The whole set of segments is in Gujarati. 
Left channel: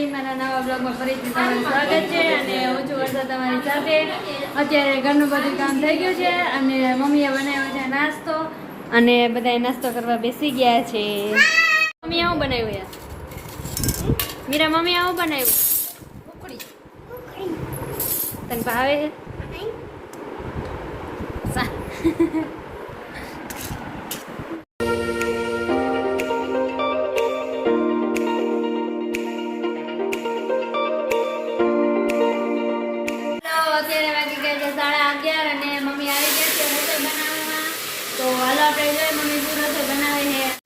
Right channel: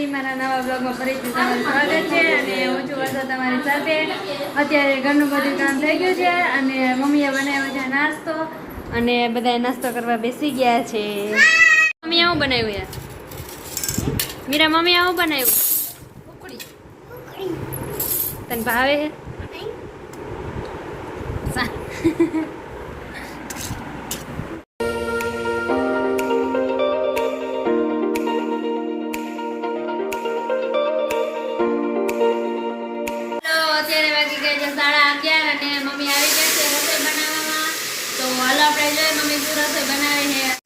ફેમિલી મારા નવા બ્લોગમાં ફરીથી તમારું સ્વાગત છે અને હું છું વર્ષા તમારી સાથે. અત્યારે ઘરનું બધું કામ થઈ ગયું છે અને મમ્મીએ બનાવ્યો છે નાસ્તો અને બધાએ નાસ્તો કરવા બેસી ગયા છે. મમ્મી આવું બનાવ્યું યાર? મીરા મમ્મી આવું બનાવ્યું? તને ભાવે છે? અત્યારે વાગી ગયા છે 11:30 અને મમ્મી આવી ગયા છે રસોઈ બનાવવામાં. તો હાલો આપણે જોઈએ મમ્મી શું રસોઈ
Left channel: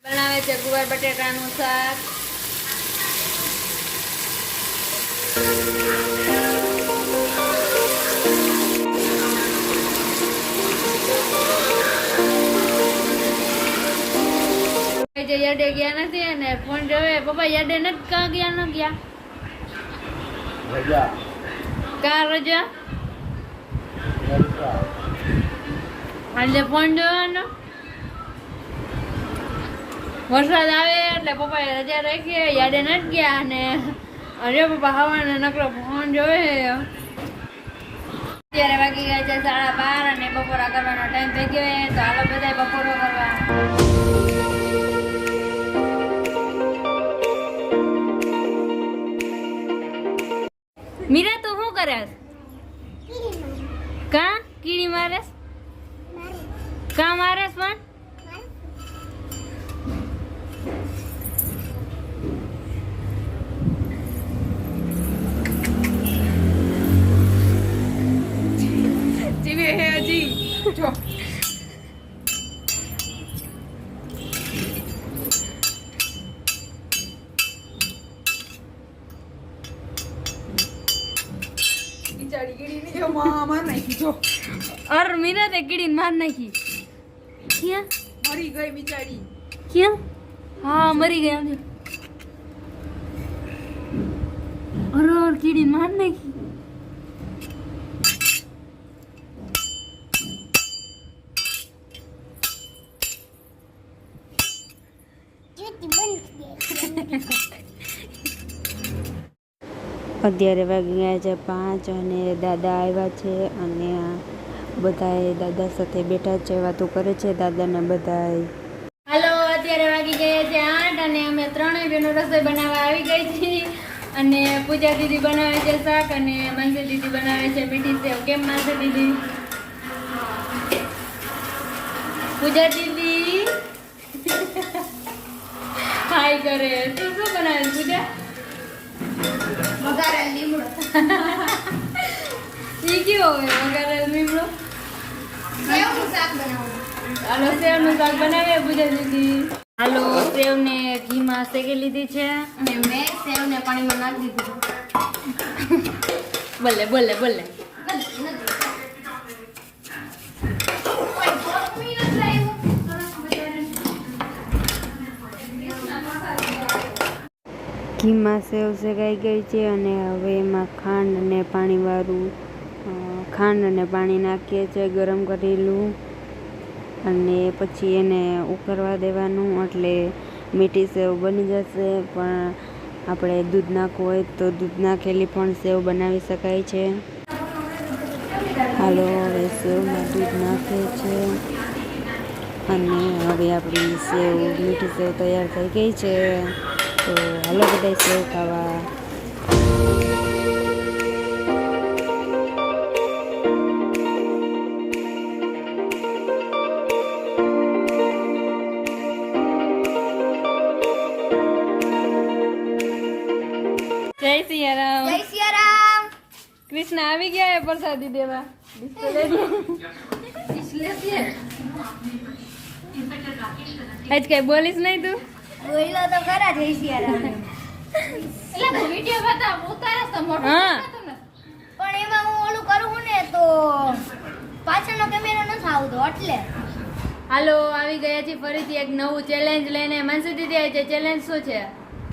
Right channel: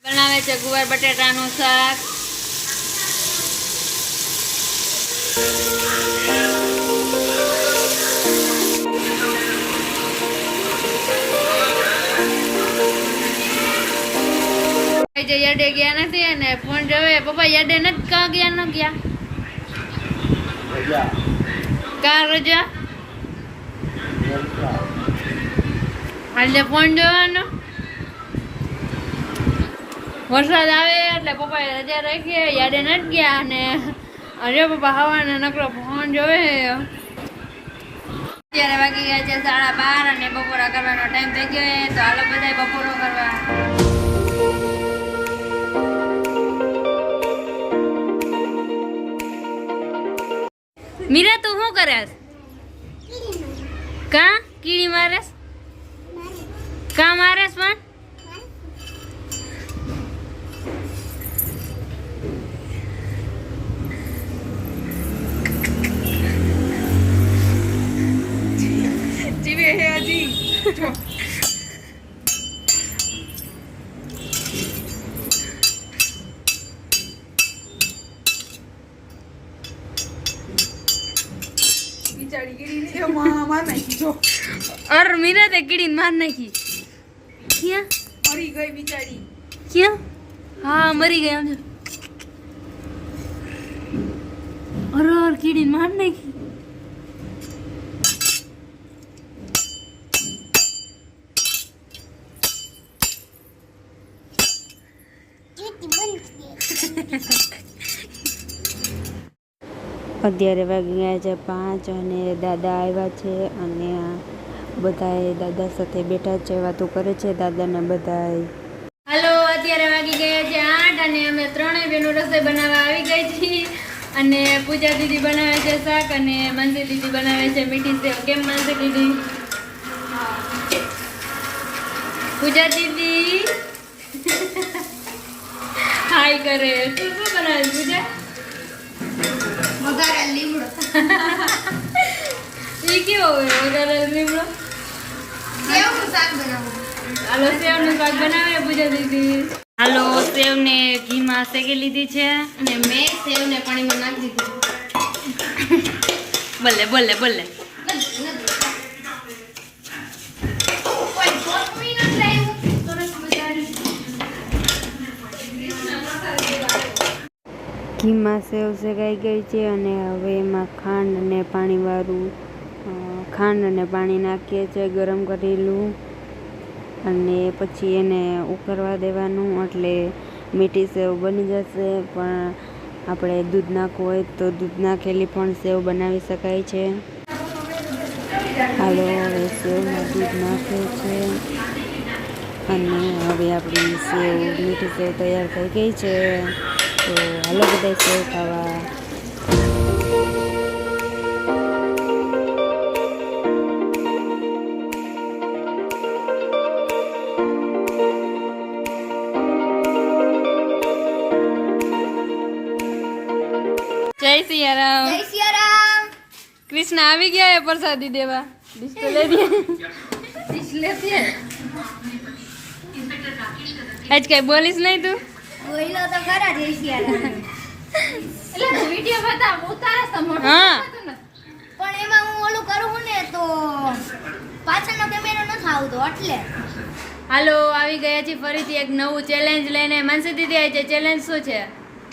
બનાવે છે ગુવાર બટેટાનું શાક. યાડે ગયા નથી અને ફોન જોવે. પપ્પા યાડે નથી કા ગયા? ન ગયા કા રજા એટલે ફોન જોવાનો. વરસાદ આવે એટલે પપ્પાએ રજા રાખીએ, યાડે નથી ગયા અને અરે પપ્પા હવાને નકરો ફોન જોવે. અત્યારે વાગી ગયા છે 12:30 અને બપોરા કરવાનો ટાઈમ થઈ ગયો. તો હાલો બધા બપોરો કરવા. મીરા તું શું કરેસ? કા કીડી મારેસ? કા મારેસ? પણ જીવે હે હજી. અર મીરા તે કીડી માર નાખી. ક્યાં મરી ગઈ બિચારી? ક્યાં? હા મરી ગઈ. આમ અર કીડી માર નાખી. અત્યારે વાગી ગયા છે 5 અને દાદા આવ્યા છે અને બધાએ દાદા સાથે બેઠા છે, વાતો કરે છે દાદાને બધાએ. હાલો અત્યારે વાગી ગયા છે 8 અને અમે ત્રણેય બહેનો રસોઈ બનાવવા આવી ગઈ છીએ અને પૂજા દીદી બનાવે છે શાક અને માનસી દીદી બનાવે છે મીઠી સેવ. કેમ માનસી દીદી? પૂજા દીદી હાય કરે. તું શું બનાવે પૂજા? વઘારેલ લીમડો. ઈ કેવો હોય વઘારેલ લીમડો? સેવનું શાક બનાવું. હાલો સેવનું શાક બનાવે પૂજા દીદી. હાલો સેવને ઘીમાં શેકી લીધી છે અને મેં સેવને પાણીમાં નાખી દીધી. બોલે બોલે બોલે. ઘીમાં સેવ શેકાઈ ગઈ છે અને હવે એમાં ખાંડ અને પાણી નાખીએ છીએ ગરમ કરેલું અને પછી એને ઉકળવા દેવાનું એટલે મીઠી સેવ બની જશે. પણ આપણે દૂધ નાખવું હોય તો દૂધ નાખેલી પણ સેવ બનાવી શકાય છે. હાલો હવે સેવમાં દૂધ નાખે છે અને હવે આપણી સેવ મીઠી સેવ તૈયાર થઈ ગઈ છે. તો હાલો બધા સેવ ખાવા. જય સિયારામ. જય સિયારામ. કૃષ્ણ આવી ગયા પ્રસાદી દેવા. આજ કઈ બોલીશ નહીં તું? બોલો તો ખરા. જય સિયારામ. એટલે વિડિયો બતાવ ઉતારે છે મોટો. હા પણ એમાં હું ઓલું કરું ને તો પાછળનો કેમેરો ન આવતો એટલે. હાલો આવી ગયા છે ફરીથી એક નવું ચેલેન્જ લઈને. માનસી દીદી આવી છે. ચેલેન્જ શું છે?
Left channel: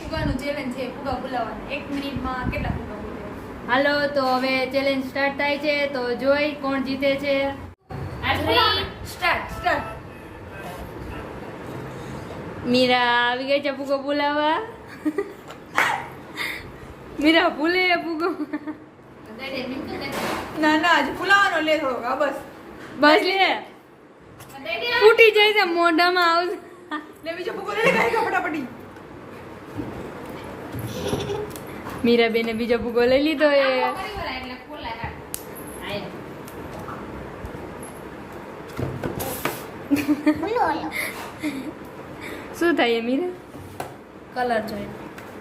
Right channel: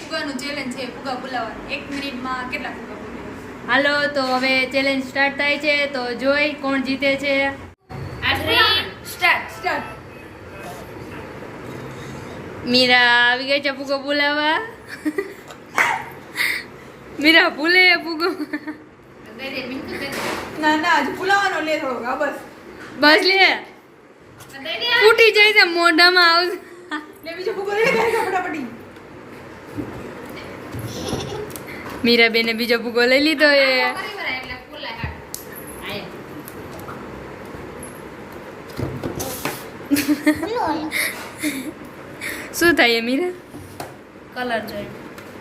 ફુગાનું ચેલેન્જ છે. ફુગા બોલાવવાનું 1 મિનિટમાં કેટલા ફુગા બોલે. હાલો તો હવે ચેલેન્જ સ્ટાર્ટ થાય છે તો જોઈ કોણ જીતે છે. સ્ટાર્ટ. મીરા આવી ગઈ છે ફુગો બોલાવવા. મીરા ભૂલે ફૂગો ના ના હજુ ફૂલાવાનો લે થોડો હા બસ બસ લે ફૂટી જાય છે મોઢામાં આવશે લે બીજો ફૂગો લઈ જાય ફટાફટી મીરા બેને બીજો ફૂગો લઈ લીધો એ શું થાય મીરા કલર જોઈએ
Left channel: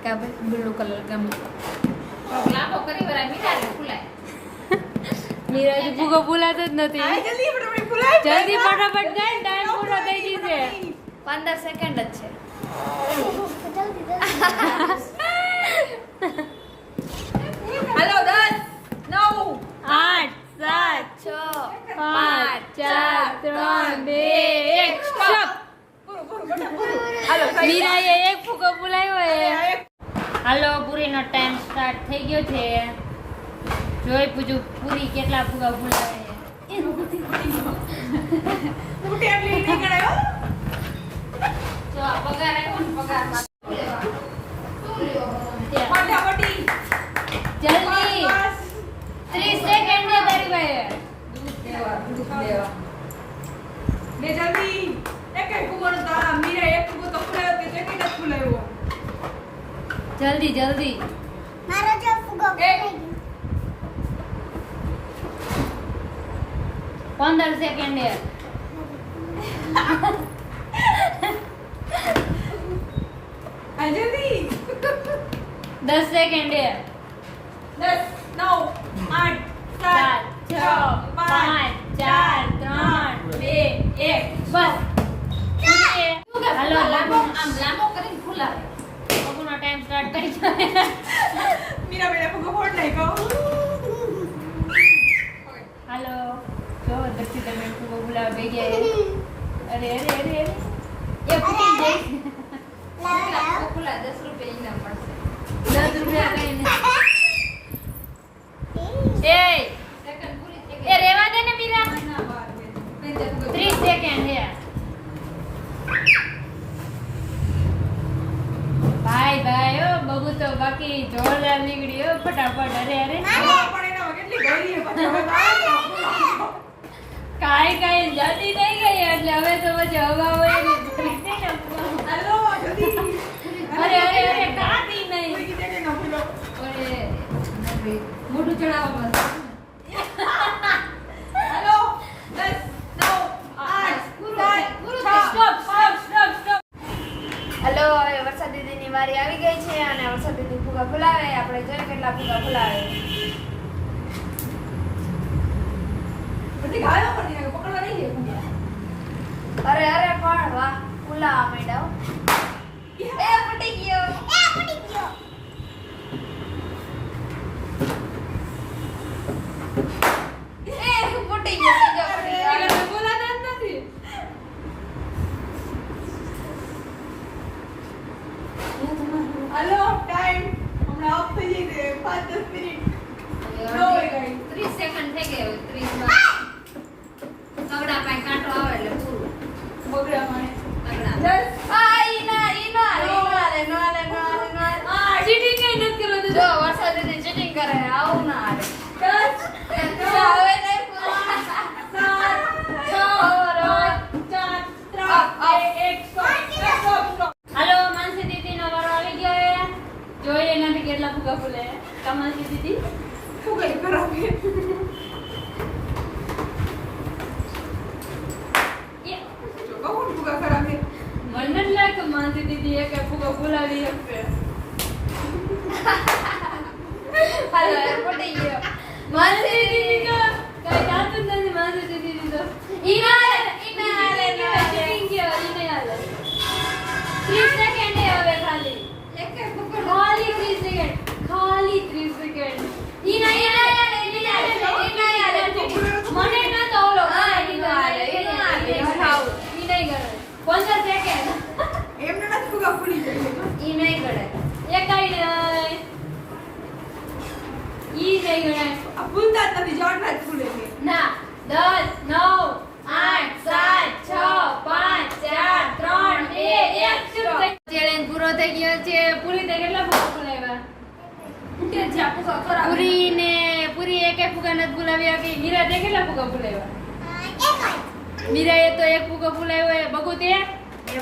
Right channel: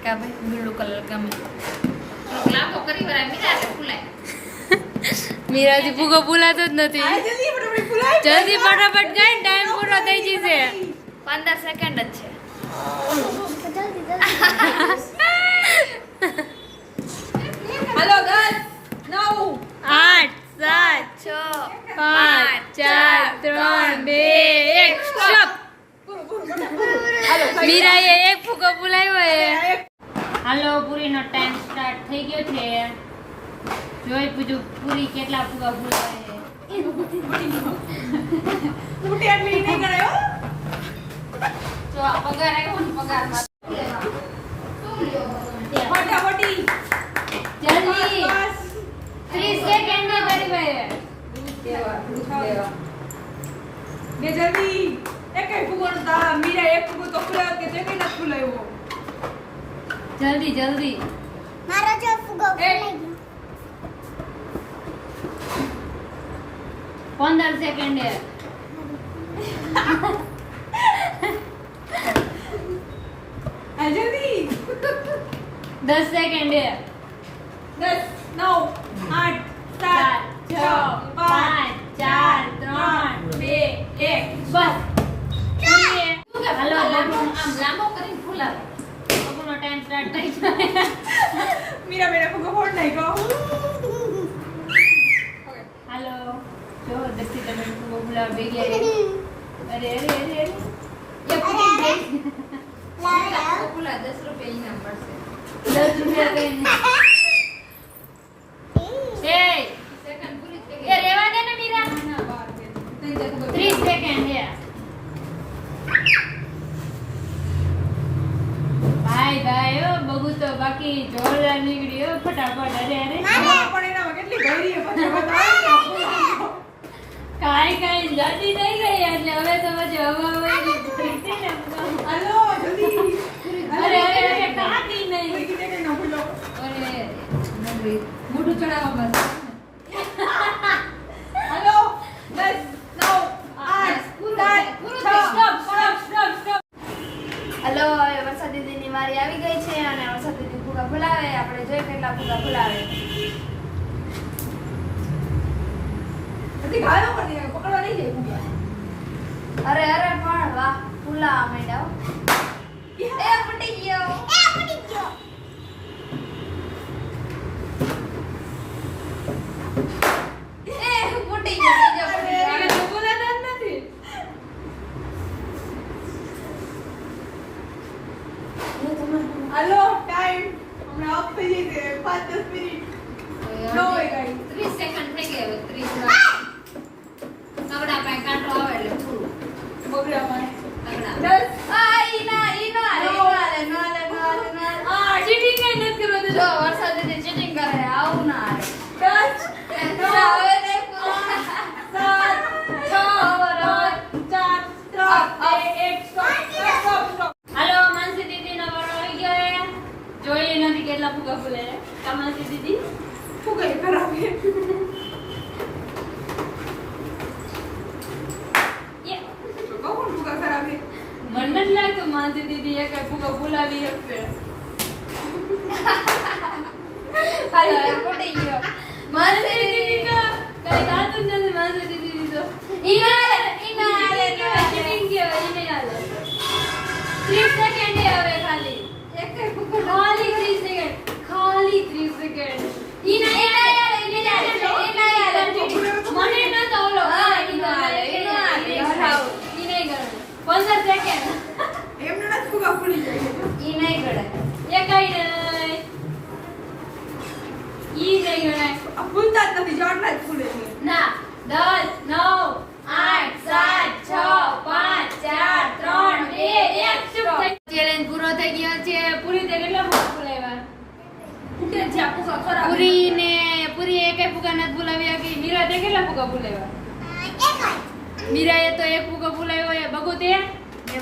કા ભાઈ બ્લુ કલર ગમે લાંબો કરી વરાય મીરા ફૂલાય મીરાજી ફૂગો ફૂલાતો જ નથી આ જલ્દી ફટાફટ ફૂલાય જલ્દી ફટાફટ ગાય ટાઈમ પૂરો થઈ જશે 15 સેકન્ડ જ છે હેલો 10 9 8 7 6 5 4 3 2 1 સ્ટોપ હાલો મીરાએ એક ફૂગો ફૂલાવ્યો એ હાલો પૂરીનો ટાઈમ સ્ટાર્ટ થઈ ગયો છે જોઈ પૂછું પૂરી કેટલા ફુગા ફૂલાવે છે ફૂટે એટલે ઈ નહીં ગણાય હો તો આ પગાર આવ્યો ને પગાર ફટાફટી જલ્દી 30 સેકન્ડ ને તારી ભાઈ ને જલ્દી એક ફૂગો તા મીરા એક ફૂગો તો ફૂલાયો તે ચેક જ ફૂલાયો જલ્દી જલ્દી મારો જો ફુગો ફૂલી 15 સેકન્ડ આ જલ્દી 10 સેકન્ડ 10 9 8 7 6 5 4 3 2 1 બસ હાલો આમ લાંબો કરીને ફૂલાવે આપણો ટાઈમ સ્ટાર્ટ થઈ જાય મીરા મેરા ફૂગો ફોડ નાખ્યો હાલો જો દક્ષિત તમે ફૂગો ફૂલાવ ભેગી આવી અરે અરે અરે અરે એ ફૂટી જાય ફૂલા 10 રૂપિયા ઇનામ મળશે 10 રૂપિયા કઈને એ સેકન્ડ પૂરી થઈ એ રેવા દે ને મીરા 30 સેકન્ડ હે ભાઈ ભાઈ ઓ બબુ તો બાકી જોરદાર નીકળ્યો ફટાફટ અરે અરે પણ એનામાં કેટલી ભરી છે પછી હવે કાઈ કાઈ જતી નહીં ગઈ એટલે હવે તો પછી હવા હોય ને હાલો જલ્દી અરે અરે અરે કાતી કોઈ નહીં કીધે કે ન ભૂલો અરે નબળી મોઢું ચડાવવા બસ હાલો 10 9 8 હલો હવે વરસાદ દીદીની વારી આવી ગઈ છે અને વરસાદ દીદી ફુગા ફૂલાવે આપણે જોઈએ કેટલા ફુગા ફૂલાવે બધી ગાયો પણ નહીં પકડવા નહીં જાય ફૂગા અરે અરે પણ વાહ ફૂલા માંડ્યા એ ફૂટી ગયો ફૂટી ગયો એ ફૂટી ગયો બીજો ફૂટી ગયો બોલાતા જ નથી હાલો ટાઈમ હમણાં ઓફ થઈ જશે 5-10 મિનિટ નો હોય ગાઈ 30 સેકન્ડ થઈ ગયા 30 માં પગડા પાસે કાંટો આવે એટલે પૂરું બગડા મને પગડા 10 આ ઈના લે નો લે ચીટિંગ કઈ નથી કરવા જો વરસાદ દીદી ચીટિંગ કરે આવું ના આવે 10 હવે નહીં પૂરું 7 હાલો માનસી દીદીનો વારો આવી ગયો જોઈએ નથી કેટલા ફૂગા ફૂલે કા માનસી દીદી ફૂગા ખરાબ છે કૌન ફૂગા ખરાબ છે મને જ લાગે માનસી દીદી એક ફૂગો ફૂલાવી આપે હાલો ફૂટી ગયો માનસી દીદી કઈ થાતું જ નથી માનસી દીદી તો ઈના લે ચીટિંગ ગયો ઈને હાલે 30 સેકન્ડ હવે ખાલી એક ફૂગો ખાલી 30 સેકન્ડ ખાલી 30 સેકન્ડ ઈને મને ન તો ઓલો હા, ઈ તો હાલે, ઈ તો હાલે. 15 સેકન્ડ એમને નથી ફૂગા ફૂલી જાય ઈ નહીં ગળે એ કઈ નહીં ઈ નહીં ગણે આ ફૂલતા જ નથી જડના જ ફૂલે છે ના 10 9 8 7 6 5 4 3 2 1 ચેલેન્જ પૂરો થઈ ગયો છે પૂરી થઈ કેટલા ફૂલ ફૂલાવ્યા ફૂલાવ્યા કે મીરા તે કેટલા ફુગા ફૂલાવ્યા? મીરાએ તો એક ફુગો ફૂલાવ્યો એ બગુ તે એ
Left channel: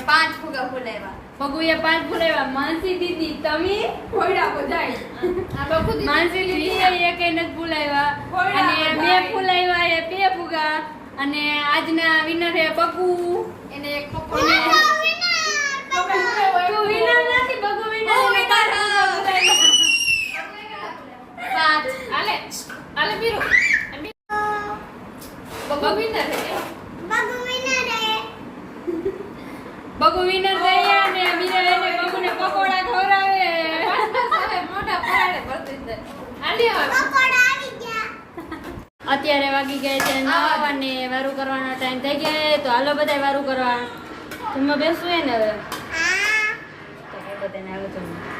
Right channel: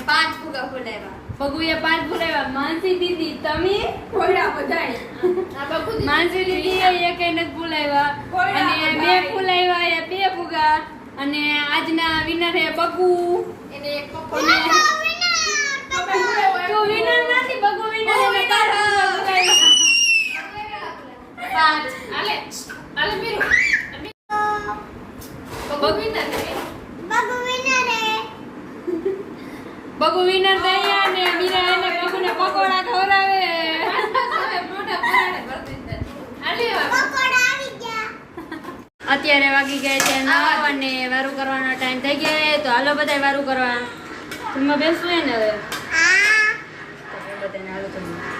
5 ફુગા ફૂલાવ્યા. બગુએ 5 ફૂલાવ્યા. માનસી દીદી તમે ફોડ્યા બધાય. માનસી દીદી એક નથી ફૂલાવ્યા અને મેં ફૂલાવ્યા એ 2 ફુગા અને આજના વિનર હે બગુ. એને એક તો તમે ફોડ્યા તો વિનર નથી બગુ વિનર એને 5 ફુગા ફૂલાવ્યા. 5. આલે પીરો તો બગવિંદર છે બગુ વિનર થઈ અને મીરા એને બગુને પકોડા ખવડાવે. મોઢા પરાડે બગવિંદર. આલી અત્યારે વાગી ગયા છે 9 અને વારું કરવાનો ટાઈમ થઈ ગયો છે. તો હાલો બધાય વારું કરવા જમવા બેસવું હે ને હવે તો કે બધાને હાલો જમવા.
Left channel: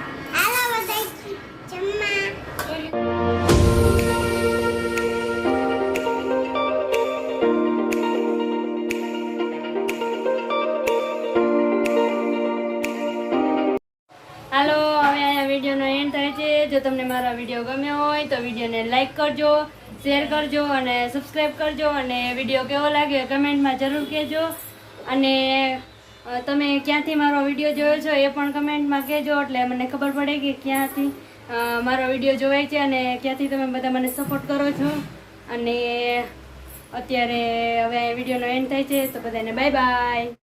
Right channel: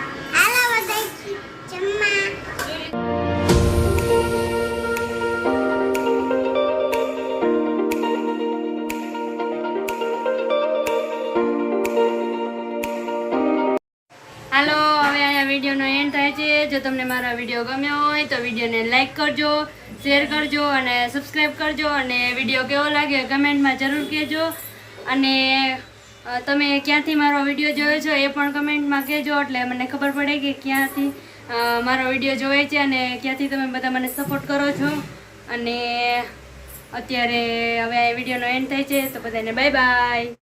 હાલો હવે આ વિડીયોનો એન્ડ થાય છે. જો તમને મારો વિડીયો ગમ્યો હોય તો વિડીયોને લાઈક કરજો, શેર કરજો અને સબસ્ક્રાઈબ કરજો અને વિડીયો કેવો લાગ્યો કમેન્ટમાં જરૂર કહેજો. અને તમે ક્યાંથી મારો વિડીયો જોયો છો એ પણ કમેન્ટમાં કહેજો એટલે મને ખબર પડે કે ક્યાંથી મારો વિડીયો જોવે છે અને ક્યાંથી તમે બધા મને સપોર્ટ કરો છો. અને અત્યારે હવે આ વિડીયોનો એન્ડ થાય છે તો બધાને બાય બાય.